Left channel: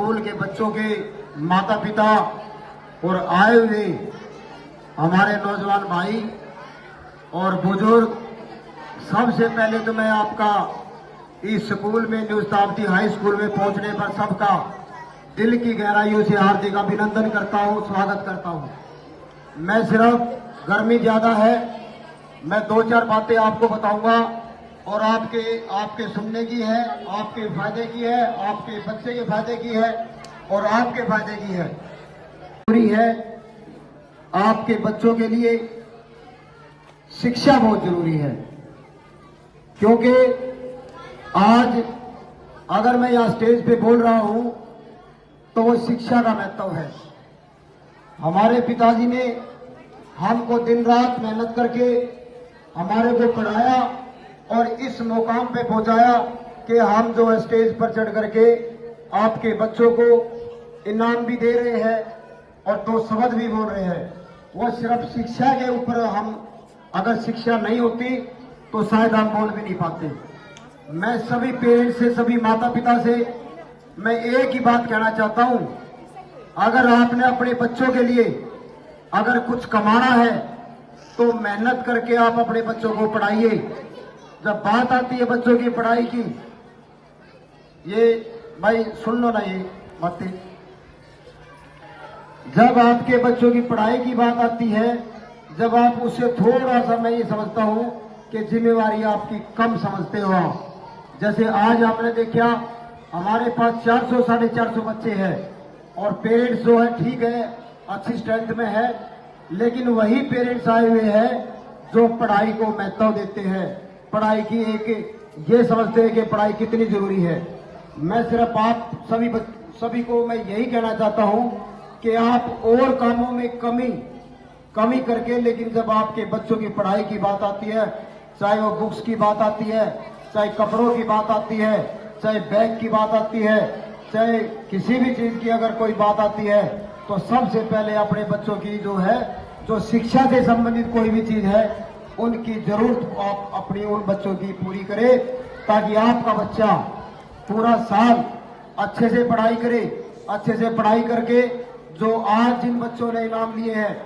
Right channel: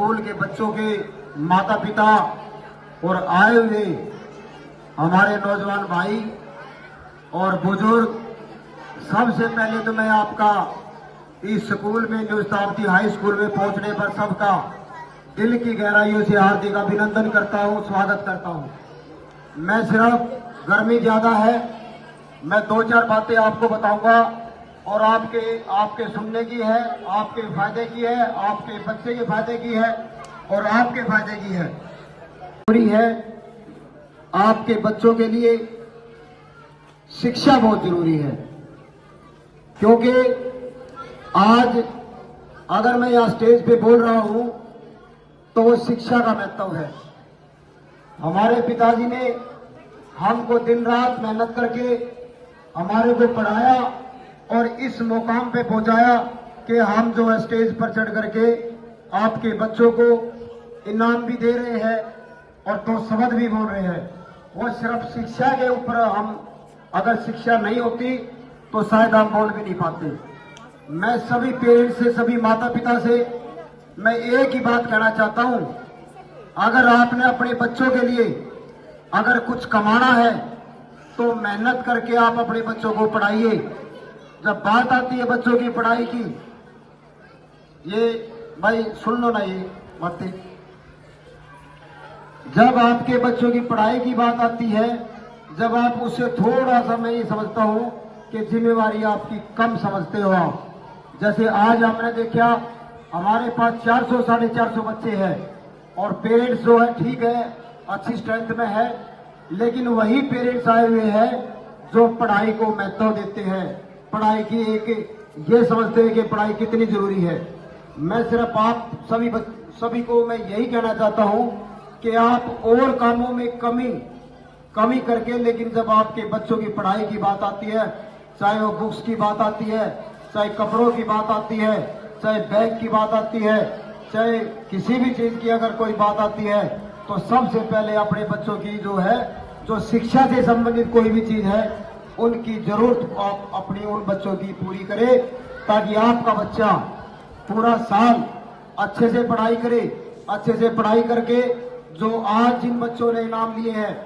School के बच्चों के माता पिता और आए हुए हमारे नौजवान भाई और बुजुर्ग, सबसे पहले तो मैं आपका इस स्कूल में न्यू शताब्दी हाई स्कूल में पहुंचने पर सबका दिल की गहराइयों से हार्दिक अभिनंदन करता हूं, स्वागत करता हूं। मैं सिर्फ गर्मी ज्यादा है, मैं दो चार बातें आपको बताऊंगा और आपके सुनने की है, आपके फायदे की है, आपके बच्चे के फायदे की है और आपके फायदे की है। जरूरी है आपके बच्चों के लिए शिक्षा बहुत जरूरी है, क्योंकि आज अगर मैं यहां स्टेज पे बोल रहा हूं तो वो शिक्षा का महत्व है। हमारे पिताजी ने हमको दिन रात मेहनत करके हमारे को पढ़ाया और इस मुकाम पे पहुंचाया कि हम जो स्टेज पर चढ़ करके आपके बच्चों को इनाम भी दे रहे हैं और दो शब्द भी बोल रहे हैं। वो सिर्फ शिक्षा के ऊपर, हम अगर शिक्षा नहीं होती तो शायद हम बोल भी नहीं पाते। मैं सभी पेरेंट्स से, सभी माता पिता से मैं एक ही बात कहना चाहता हूं, अगर आपने अपने बच्चों के लिए अगर कुछ कमाना है तो मेहनत करके आप अपने बच्चों को पढ़ाइए। जब बात आती है बच्चों की पढ़ाई की, ये भाई सुन लो ना ये बातें, जब आपके बच्चों की पढ़ाई की बात आती है, जब आप उससे थोड़ा सा, मैं ये समझता हूं कि जिम्मेवारी आपकी कम समझते हो आप। जैसे आज आपने देखा हमारे पास 400 साढ़े 400 बच्चे हैं और पेरेंट्स जो है ठीक है अच्छी स्ट्रेंथ में है, लेकिन वही पेरेंट्स आए हुए हैं जो पढ़ाई को महत्व देते हैं, पढ़ाई की एक ये समझते हैं कि पढ़ाई कितनी जरूरी है। मैं सिर्फ आप सभी को मैं यही कहना चाहता हूं कि आप और कामों में कमी करके, लेकिन जब आपके बच्चों की पढ़ाई की बात आती है, चाहे वो बुक्स की बात आती है, चाहे कपड़ों की बात आती है, चाहे बैग की बात आती है, चाहे किसी भी चीज की अगर कोई बात आती है, तो सबसे पहले अपने बच्चों की जो शिक्षा से संबंधित कोई भी चीज है उनकी जरूरत आप अपनी उन बच्चों की पूरी करें, ताकि आपका बच्चा पूरा साल अच्छे से पढ़ाई करे। अच्छे से पढ़ाई करके जो आज जिन बच्चों ने इनाम लिए हैं,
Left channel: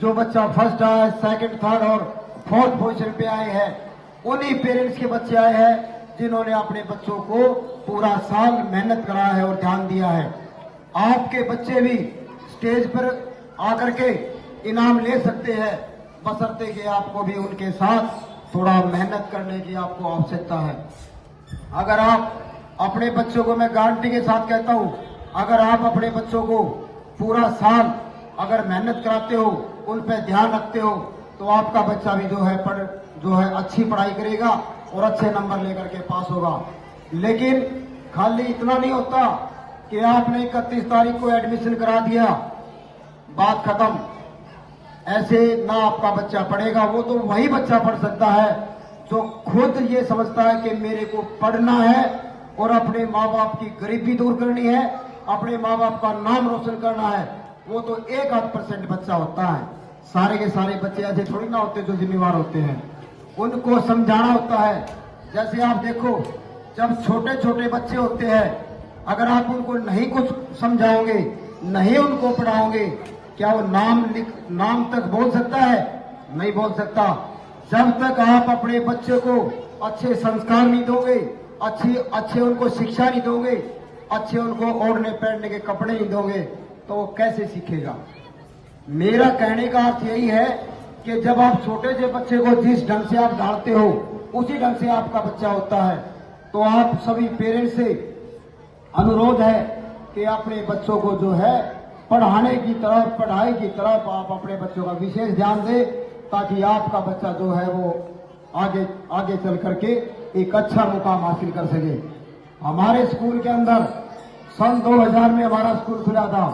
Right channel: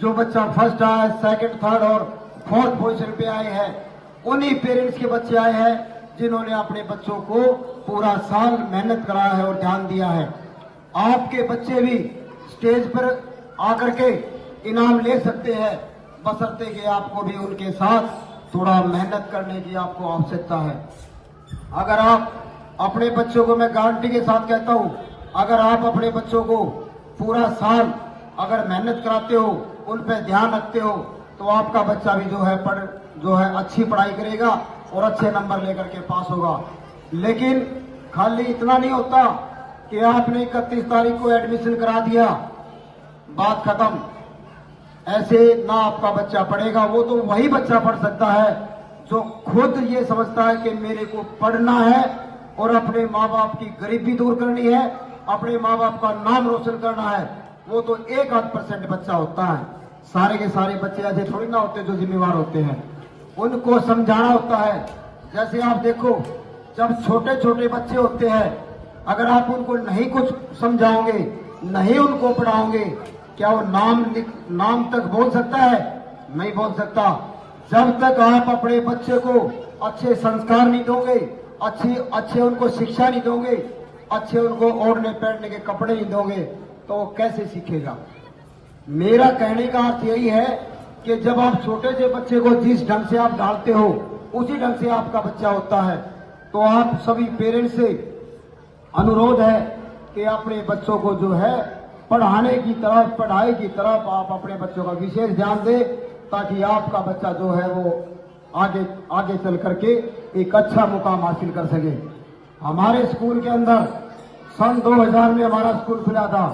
जो बच्चा फर्स्ट आया, सेकंड, थर्ड और फोर्थ पोजीशन पे आए हैं, उन्हीं पेरेंट्स के बच्चे आए हैं जिन्होंने अपने बच्चों को पूरा साल मेहनत कराया है और ध्यान दिया है। आपके बच्चे भी स्टेज पर आकर के इनाम ले सकते हैं, बशर्ते कि आपको भी उनके साथ थोड़ा मेहनत करने की आपको आवश्यकता है। अगर आप अपने बच्चों को, मैं गारंटी के साथ कहता हूं, अगर आप अपने बच्चों को पूरा साल अगर मेहनत कराते हो, उन पर ध्यान रखते हो, तो आपका बच्चा भी जो है अच्छी पढ़ाई करेगा और अच्छे नंबर लेकर के पास होगा। लेकिन खाली इतना नहीं होता कि आपने 31 तारीख को एडमिशन करा दिया, बात खत्म। ऐसे ना आपका बच्चा पढ़ेगा। वो तो वही बच्चा पढ़ सकता है जो खुद ये समझता है कि मेरे को पढ़ना है और अपने माँ बाप की गरीबी दूर करनी है, अपने माँ बाप का नाम रोशन करना है। वो तो 1-8% बच्चा होता है। सारे के सारे बच्चे ऐसे थोड़ी ना होते जो जिम्मेवार होते हैं। उनको समझाना होता है। जैसे आप देखो, जब छोटे छोटे बच्चे होते हैं, अगर आप उनको नहीं कुछ समझाओगे, नहीं उनको पढ़ाओगे, क्या वो नाम तक बोल सकता है? नहीं बोल सकता। जब तक आप अपने बच्चे को अच्छे संस्कार नहीं दोगे, अच्छे उनको शिक्षा नहीं दोगे, अच्छे उनको ओढ़ने पहनने के कपड़े नहीं दोगे, तो वो कैसे सीखेगा? मेरा कहने का अर्थ यही है कि जब आप छोटे से बच्चे को जिस ढंग से आप ढालते हो, उसी ढंग से आपका बच्चा होता है। तो आप सभी पेरेंट्स से अनुरोध है कि अपने बच्चों को जो है पढ़ाई की तरफ आप अपने बच्चों का विशेष ध्यान दें, ताकि आपका बच्चा जो है वो आगे चल करके एक अच्छा मुकाम हासिल कर सके। हमारे स्कूल के अंदर सन 2000 में हमारा स्कूल खुला था।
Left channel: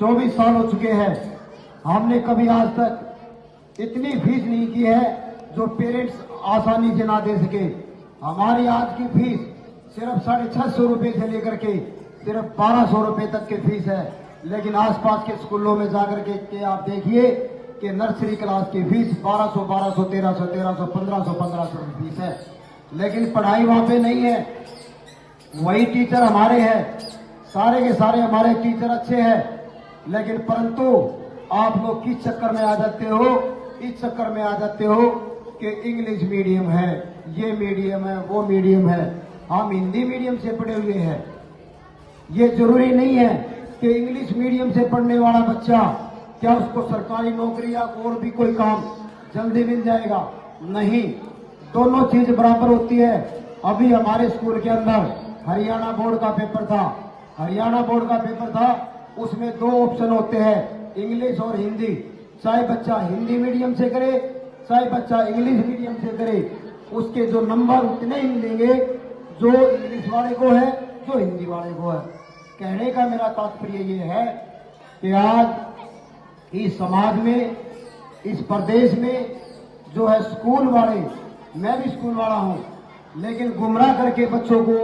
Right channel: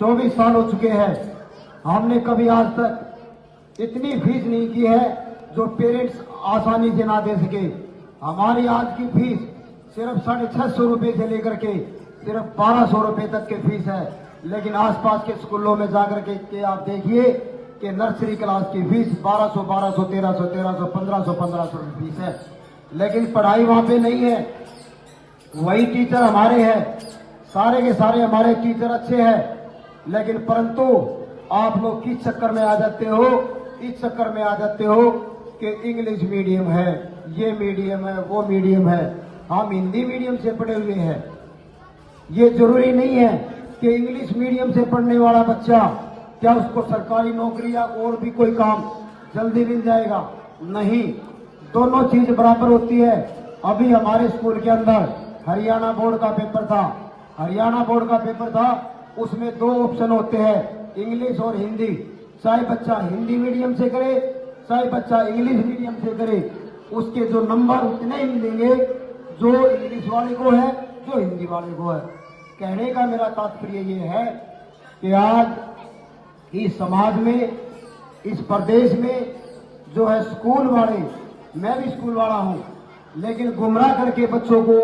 24 साल हो चुके हैं। हमने कभी आज तक इतनी फीस नहीं की है जो पेरेंट्स आसानी से ना दे सके। हमारी आज की फीस सिर्फ 650 रुपए से लेकर के सिर्फ 1200 रुपए तक की फीस है। लेकिन आसपास के स्कूलों में जाकर के आप देखिए कि नर्सरी क्लास की फीस 1200, 1300, 1500 फीस है। लेकिन पढ़ाई वहां पे नहीं है। वही टीचर हमारे हैं, सारे के सारे हमारे टीचर अच्छे हैं, लेकिन परंतु आप लोग किस चक्कर में आ जाते हो, इस चक्कर में आ जाते हो कि इंग्लिश मीडियम है, ये मीडियम है, वो मीडियम है। हम हिंदी मीडियम से पढ़े हुए हैं। ये जरूरी नहीं है कि इंग्लिश मीडियम से पढ़ने वाला बच्चा क्या उसको सरकारी नौकरी या और भी कोई काम जल्दी मिल जाएगा। नहीं, दोनों चीज बराबर होती है। अभी हमारे स्कूल के अंदर हरियाणा बोर्ड का पेपर था। हरियाणा बोर्ड का पेपर था, उसमें 2 ऑप्शन होते हैं, इंग्लिश और हिंदी। चाहे बच्चा हिंदी मीडियम से करे, चाहे बच्चा इंग्लिश मीडियम से करे, उसके जो नंबर उतने ही मिलेंगे जो इंग्लिश वाले को है, जो हिंदी वाले को है। कहने का मेरा तात्पर्य ये है कि आज इस समाज में, इस प्रदेश में जो है स्कूल वाले, मैं भी स्कूल वाला हूं, लेकिन गुमराह करके बच्चों को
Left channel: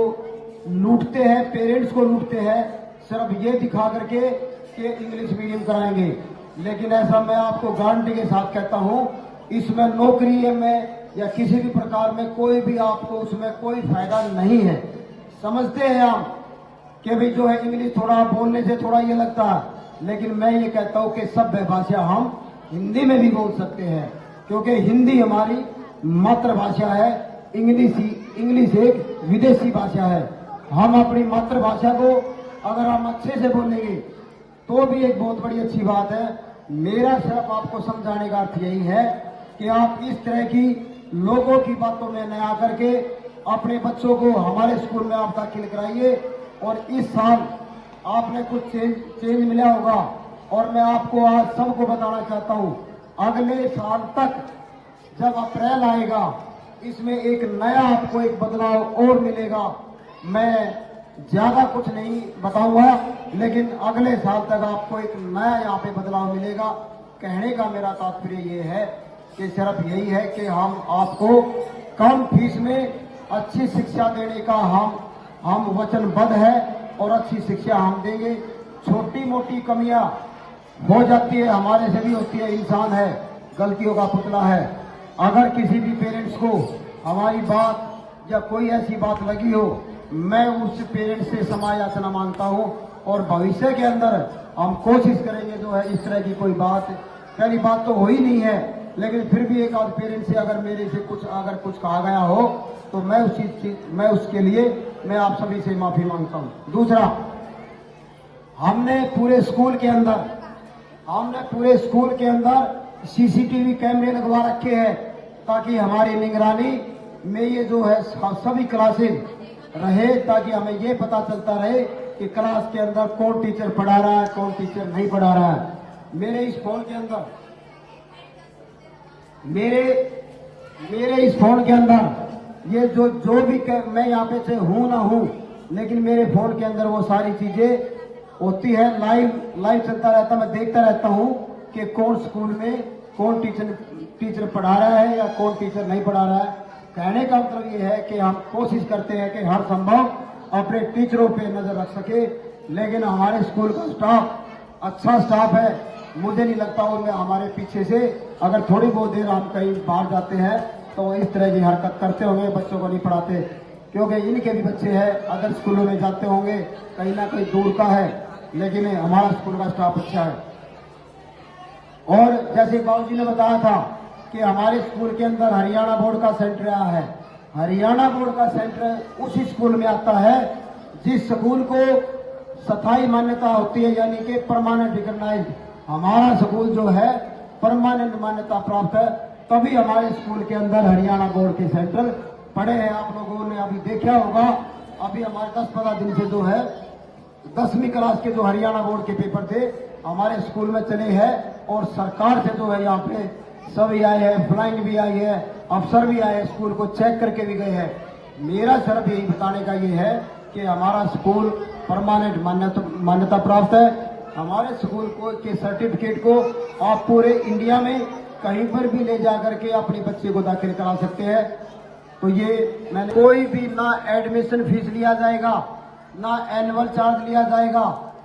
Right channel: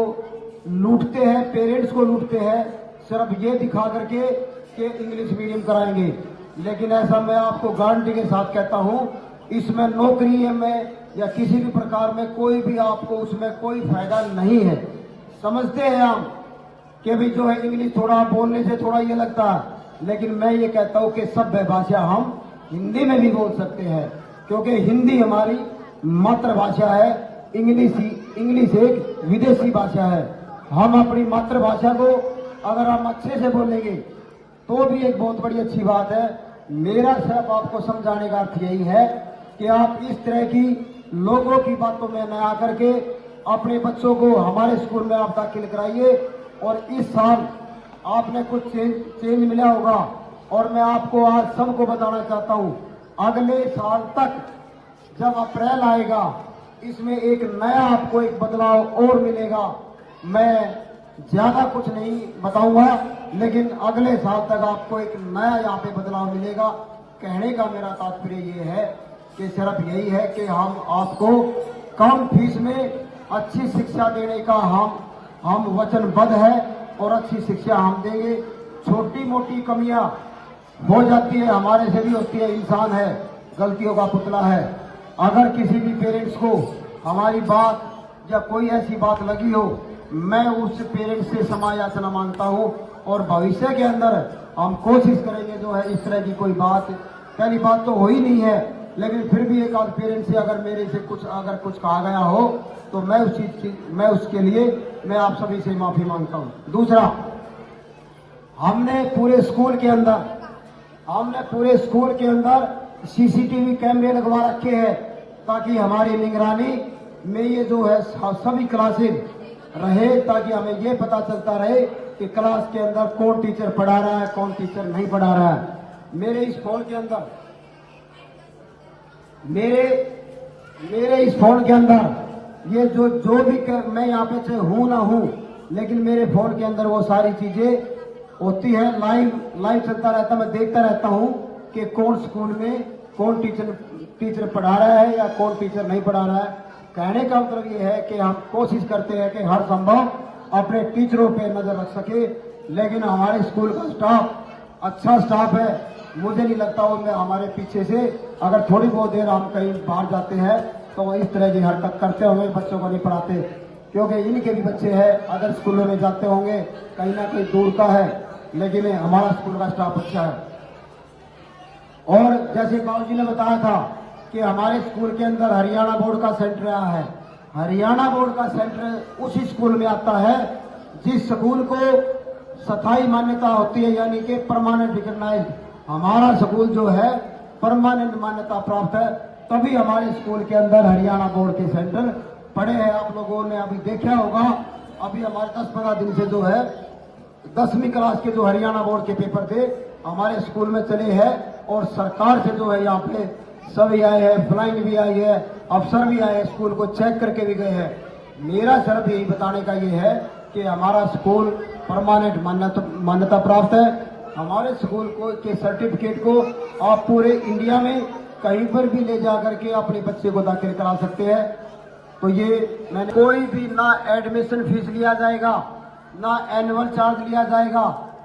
लूटते हैं, पेरेंट्स को लूटते हैं, सिर्फ ये दिखा करके कि इंग्लिश मीडियम कराएंगे। लेकिन ऐसा मैं आपको गारंटी के साथ कहता हूं, इसमें नौकरी में या किसी भी प्रकार में कोई भी आपको उसमें कोई फायदा नहीं है। समझते हैं हम कि भी जो है इंग्लिश थोड़ा बोलने से थोड़ा ये लगता है, लेकिन मैं ये कहता हूं कि सभ्य भाषा हम हिंदी में भी बोल सकते हैं, क्योंकि हिंदी हमारी मातृभाषा है। इंग्लिश एक विदेशी भाषा है। हम अपनी मातृभाषा को अगर हम अच्छे से बोलेंगे तो भी एक बहुत बड़ी अच्छी बात है। मेरा सिर्फ आपको समझाने का अर्थ यही है कि आप इस तरह की लोगों की बातों में न आकर के अपने बच्चों को हमारे स्कूल में आप दाखिल कराइए। और इस साल आपने कुछ चेंज मिला होगा, और मैं आपको आज सबको बताना चाहता हूं, अगले साल तक जब अप्रैल आएगा, इसमें एक नया आपको एक बदलाव और मिलेगा। मैं ज्यादा कुछ नहीं बताऊंगा, लेकिन अगले साल तक आपको एक नया यहाँ पे बदलाव मिलेगा। कहने का मेरा तात्पर्य ये है कि सिर्फ यही है कि हम आपको कम फीस में अच्छी शिक्षा देने का हम वचनबद्ध है, और अच्छी शिक्षा हम देंगे। छोटी मोटी कमियां हो जाती है, हमारे से भी होती है, इंसान है, गलतियों का पुतला है। अगर किसी भी पेरेंट्स को हमारी बात या कोई ऐसी बात लगी हो, मैं उस पेरेंट्स से क्षमा याचना मांगता हूं, और भविष्य के अंदर हम कोशिश करेंगे जो है इस तरह की कोई बात, पहली बात तो हो ही नहीं है, लेकिन फिर भी एक आध पेरेंट्स से अगर मेरे से कुछ कहा गया हो तो मैं उसके लिए मैं आप सभी से माफी मांगता हूं। दूसरा, हमने पूरे स्कूल के अंदर सीसीटीवी कैमरे लगवा रखे हैं, ताकि हमारी निगरानी में ये जो है सभी क्लासेस रहे, ताकि हमें ये पता चलता रहे कि क्लास के अंदर कौन टीचर पढ़ा रहा है, कौन टीचर नहीं पढ़ा रहा है। मेरे इस फोन के अंदर ये जो भी मैं यहाँ पे से हूं ना हूं, लेकिन मेरे फोन के अंदर वो सारी चीजें होती है, लाइव चलता रहता है। मैं देखता रहता हूं कि कौन स्कूल में कौन टीचर पढ़ा रहा है या कौन टीचर नहीं पढ़ा रहा है। कहने का मतलब ये है कि हम कोशिश करते हैं कि हर संभव अपने टीचरों पे नजर रख सके, लेकिन हमारे स्कूल का स्टाफ अच्छा स्टाफ है। मुझे नहीं लगता उनमें हमारे पीछे से अगर थोड़ी बहुत देर हम कहीं बाहर जाते हैं तो वो इस तरह की हरकत करते होंगे, बच्चों को नहीं पढ़ाते, क्योंकि इनके भी बच्चे हैं, अगर स्कूलों में जाते होंगे कहीं ना कहीं दूर का है, लेकिन हमारा स्कूल का स्टाफ अच्छा है। और जैसे बाबूजी ने बताया था कि हमारे स्कूल के अंदर हरियाणा बोर्ड का सेंटर आया है। हरियाणा बोर्ड का सेंटर उस स्कूल में आता है जिस स्कूल को स्थायी मान्यता होती है, यानी कि परमानेंट रिकॉग्नाइज्ड। हमारा स्कूल जो है परमानेंट मान्यता प्राप्त है, तभी हमारे स्कूल के अंदर हरियाणा बोर्ड के सेंटर पड़े हैं। आप लोगों ने अभी देखा होगा, अभी हमारे 10-15 दिन से जो है 10वीं क्लास के जो हरियाणा बोर्ड के पेपर थे हमारे स्कूल में चले हैं, और सरकार से जो है यहाँ पे सभी आए हैं, फ्लाइंग भी आई है, अफसर भी आए हैं, स्कूल को चेक करके भी गए हैं। मेरा सिर्फ यही बताने का ये है कि हमारा स्कूल परमानेंट मान्यता प्राप्त है। हमारे स्कूल को के सर्टिफिकेट को आप पूरे इंडिया में कहीं पर भी ले जाकर के अपने बच्चे को दाखिल करा सकते हैं। तो ये मैंने कोई भी ना एडमिशन फीस लिया जाएगा, ना एनुअल चार्ज लिया जाएगा,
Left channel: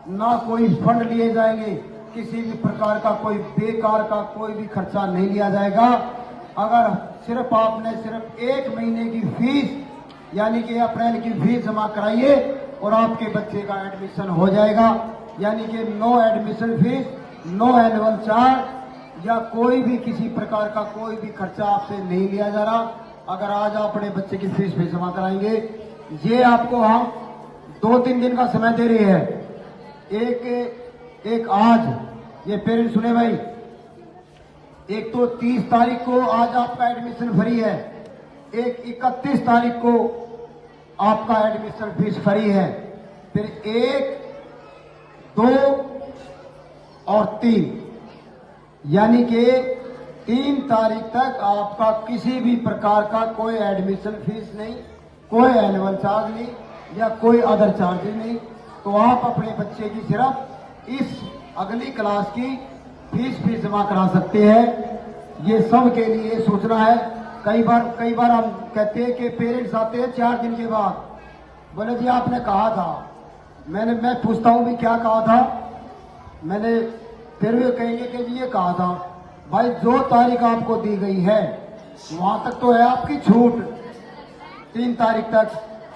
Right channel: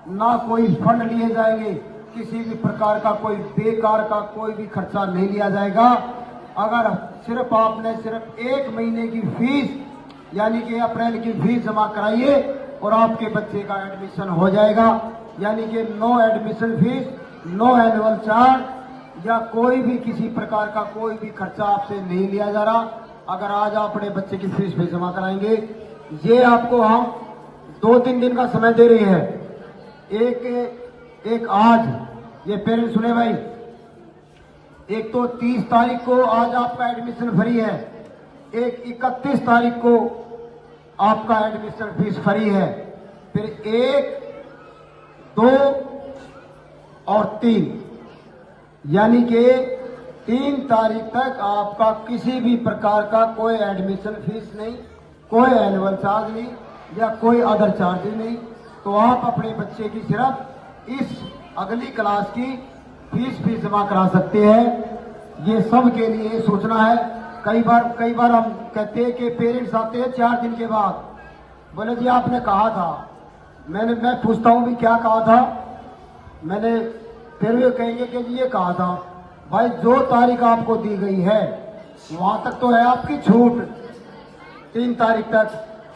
ना कोई फंड लिए जाएंगे, किसी भी प्रकार का कोई बेकार का कोई भी खर्चा नहीं लिया जाएगा। अगर सिर्फ आपने सिर्फ 1 महीने की फीस यानी कि अप्रैल की फीस जमा कराइए, और आपके बच्चे का एडमिशन हो जाएगा। यानी कि no admission fees, no annual charge या कोई भी किसी प्रकार का कोई भी खर्चा आपसे नहीं लिया जा रहा। अगर आज आप अपने बच्चे की फीस भी जमा कराएंगे, ये आपको हम 2-3 दिन का समय दे रही है। एक आज ये पेरेंट्स सुने भाई, एक तो 30 तारीख को आज आपका एडमिशन फ्री है, एक 31 तारीख को आपका एडमिशन फीस फ्री है, फिर 1, 2 और 3 यानी कि 3 तारीख तक आपका किसी भी प्रकार का कोई एडमिशन फीस नहीं, कोई एनुअल चार्ज नहीं या कोई अदर चार्जेज नहीं। तो आप अपने बच्चे की सिर्फ इस अगली क्लास की फीस भी जमा करा सकते हैं। ये सब के लिए सूचना है। कई बार हम कहते हैं कि पेरेंट्स आते हैं 4 दिन के बाद, बोले जी आपने कहा था, मैं पूछता हूं भी क्या कहा था, मैंने फिर भी कहेंगे कि जी ये कहा था। भाई जो तारीख आपको दी गई है वहां तक तो है आपकी छूट, 3 तारीख तक।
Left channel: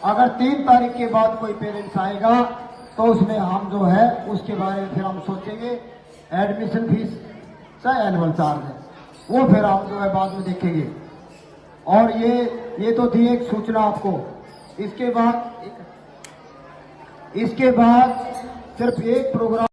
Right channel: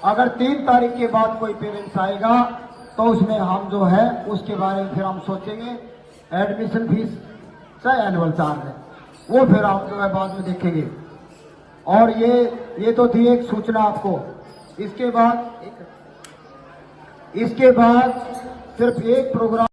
अगर 3 तारीख के बाद कोई पेरेंट्स आएगा तो उसमें हम जो है उसके बारे में फिर हम सोचेंगे, एडमिशन फीस चाहे एनुअल चार्ज है वो फिर हम जो है बाद में देखेंगे। और ये तो थी एक सूचना आपको। इसके बाद सिर्फ एक प्रोग्राम